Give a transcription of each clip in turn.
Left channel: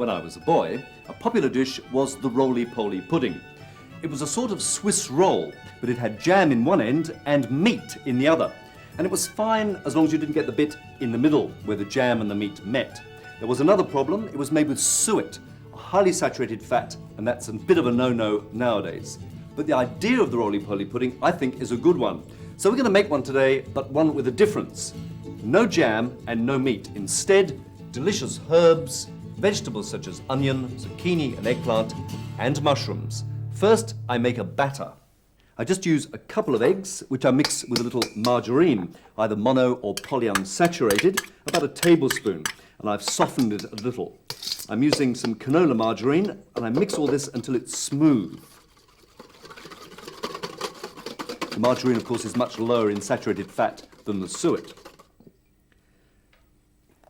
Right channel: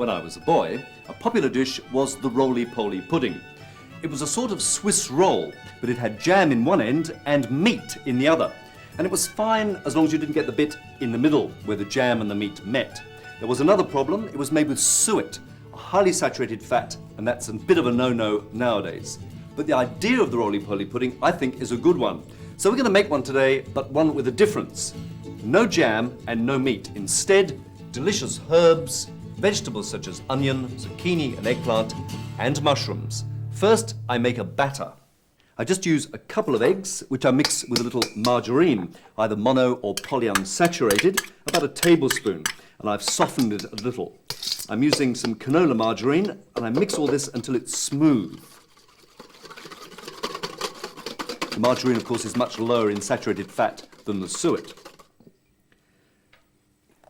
when I was a boy, a popular dish was the roly-poly pudding. It was a sort of Swiss roll, but it had jam in one end and meat in the other. And it was fine as long as you didn't get the bit in the middle where the jam and the meat met. There was another problem. It was made with suet, a highly saturated fat, and that's a bit of a no-no nowadays. But the idea of the roly-poly pudding, I think, is a good one. So we're going to make one today, but one with a difference. No jam and no meat. Instead, delicious herbs, vegetables such as onion, zucchini and eggplant, and mushrooms. First, I make a batter. I just use a couple of eggs, which I mix with a little margarine, either mono or polyunsaturated, about a tablespoon, and I've softened it a little. I'm using some canola margarine, and I mix all this until it's smooth. The margarine, of course, is much lower in saturated fat than the suet.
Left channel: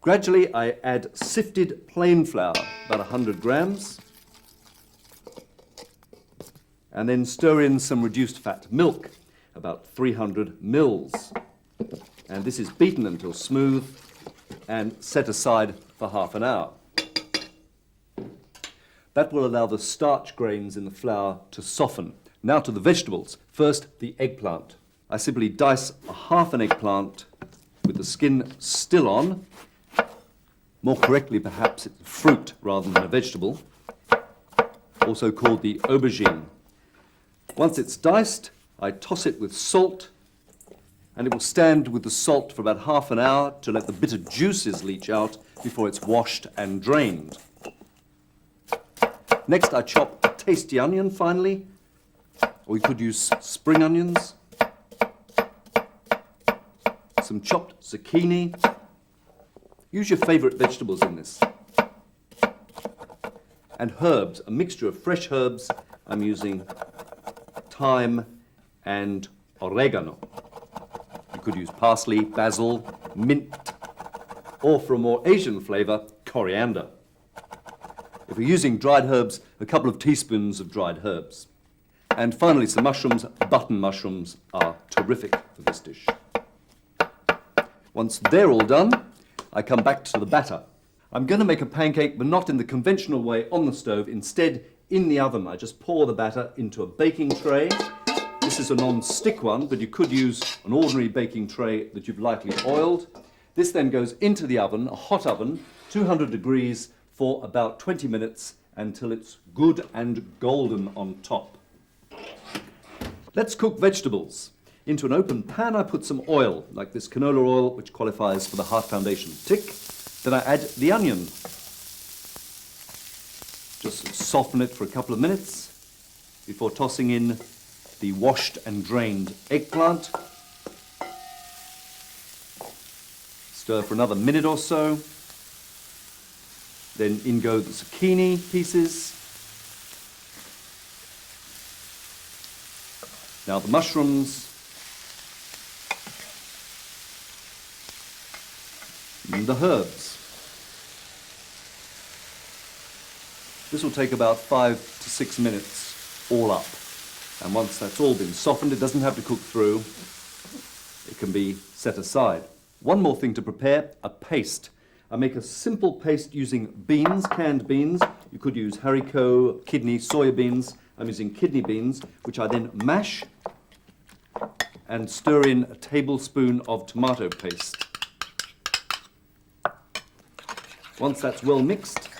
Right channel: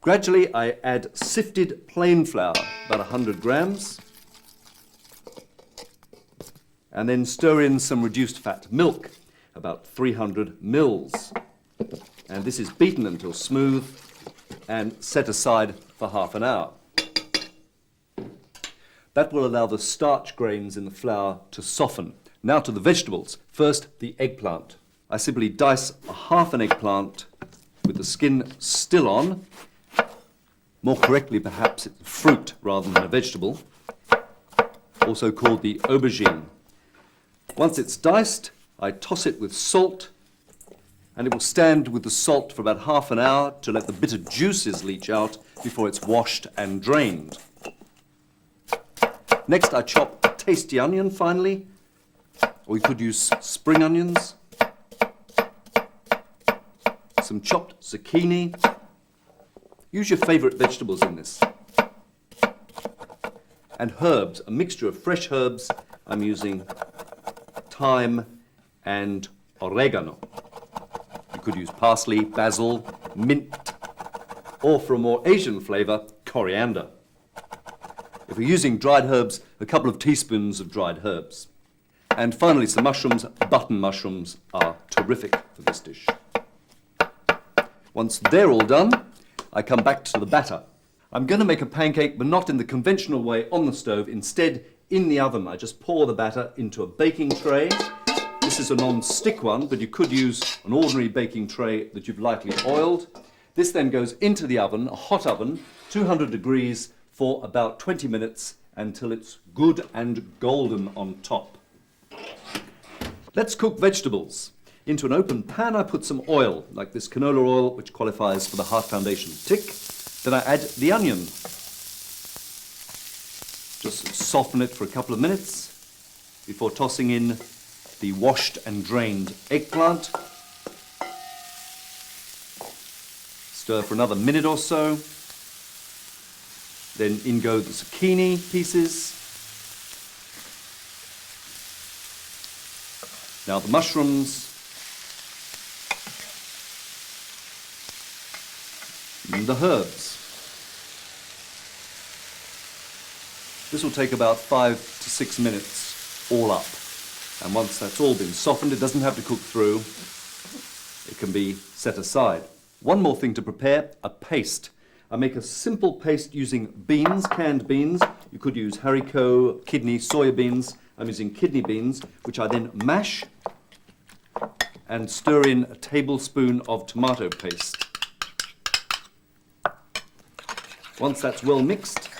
Gradually, I add sifted plain flour, about 100 grams, and then stir in some reduced fat milk, about 300 mils. And this is beaten until smooth and set aside for half an hour. That will allow the starch grains in the flour to soften. Now to the vegetables. First, the eggplant. I simply dice a half an eggplant with the skin still on. More correctly, perhaps, it's a fruit rather than a vegetable, also called the aubergine. Once it's diced, I toss it with salt, and it will stand with the salt for about half an hour to let the bitter juices leach out before it's washed and drained. Next, I chop a tasty onion finely, or you could use spring onions, some chopped zucchini. Use your favourite vegetables in this. And herbs, a mixture of fresh herbs. I'm using thyme and oregano. You could use parsley, basil, mint, or for a more Asian flavour, coriander. If you're using dried herbs, a couple of teaspoons of dried herbs. And finally, some mushrooms. Button mushrooms are terrific for this dish. Once they're all done, I come back to the batter. I'm going to make a pancake, but not in the conventional way on the stove. Instead, in the oven, I just pour the batter into a baking tray. This is a non-stick one, but you could use an ordinary baking tray that you've lightly oiled. This then goes into the oven, a hot oven, 200 degrees for about 20 minutes until it's good and golden on top. Let's cook vegetables. Into an open pan, I put some oil, like this canola oil, which qualifies for the Heart Foundation tick. Then I add the onion. Just soften it for a couple of minutes before tossing in the washed and drained eggplant. Stir for another minute or so. Then in go the zucchini pieces. Now the mushrooms. And the herbs. This will take about 5 to 6 minutes, all up. And once that's all been softened, it doesn't have to cook through. It can be set aside. One more thing to prepare, a paste. I make a simple paste using beans, canned beans. You could use haricot, kidney, soya beans. I'm using kidney beans, which I then mash and stir in a tablespoon of tomato paste. Once that's well mixed,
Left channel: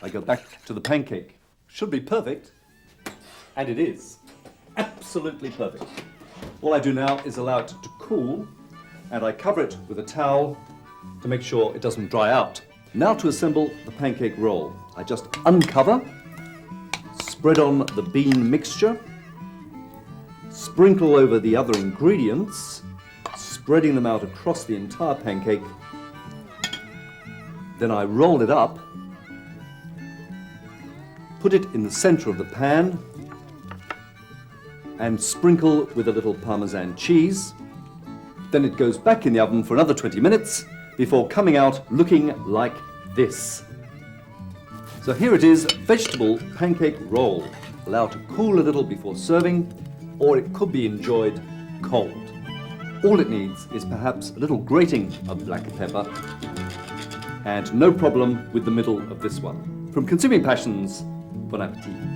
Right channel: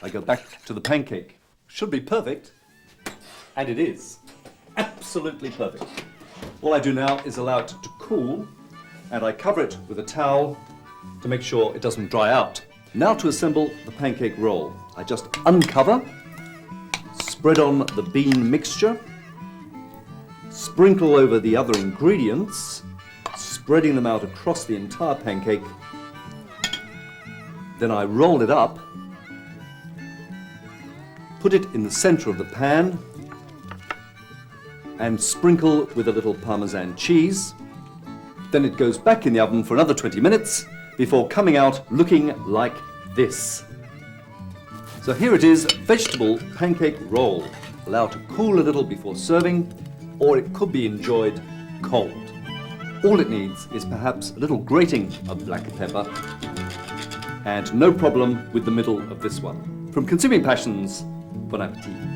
I go back to the pancake. Should be perfect, and it is. Absolutely perfect. All I do now is allow it to cool, and I cover it with a towel to make sure it doesn't dry out. Now to assemble the pancake roll. I just uncover, spread on the bean mixture, sprinkle over the other ingredients, spreading them out across the entire pancake. Then I roll it up, put it in the center of the pan, and sprinkle with a little Parmesan cheese. Then it goes back in the oven for another 20 minutes before coming out looking like this. So here it is, vegetable pancake roll. Allow to cool a little before serving, or it could be enjoyed cold. All it needs is perhaps a little grating of black pepper and no problem with the middle of this one. From Consuming Passions, bon appetit.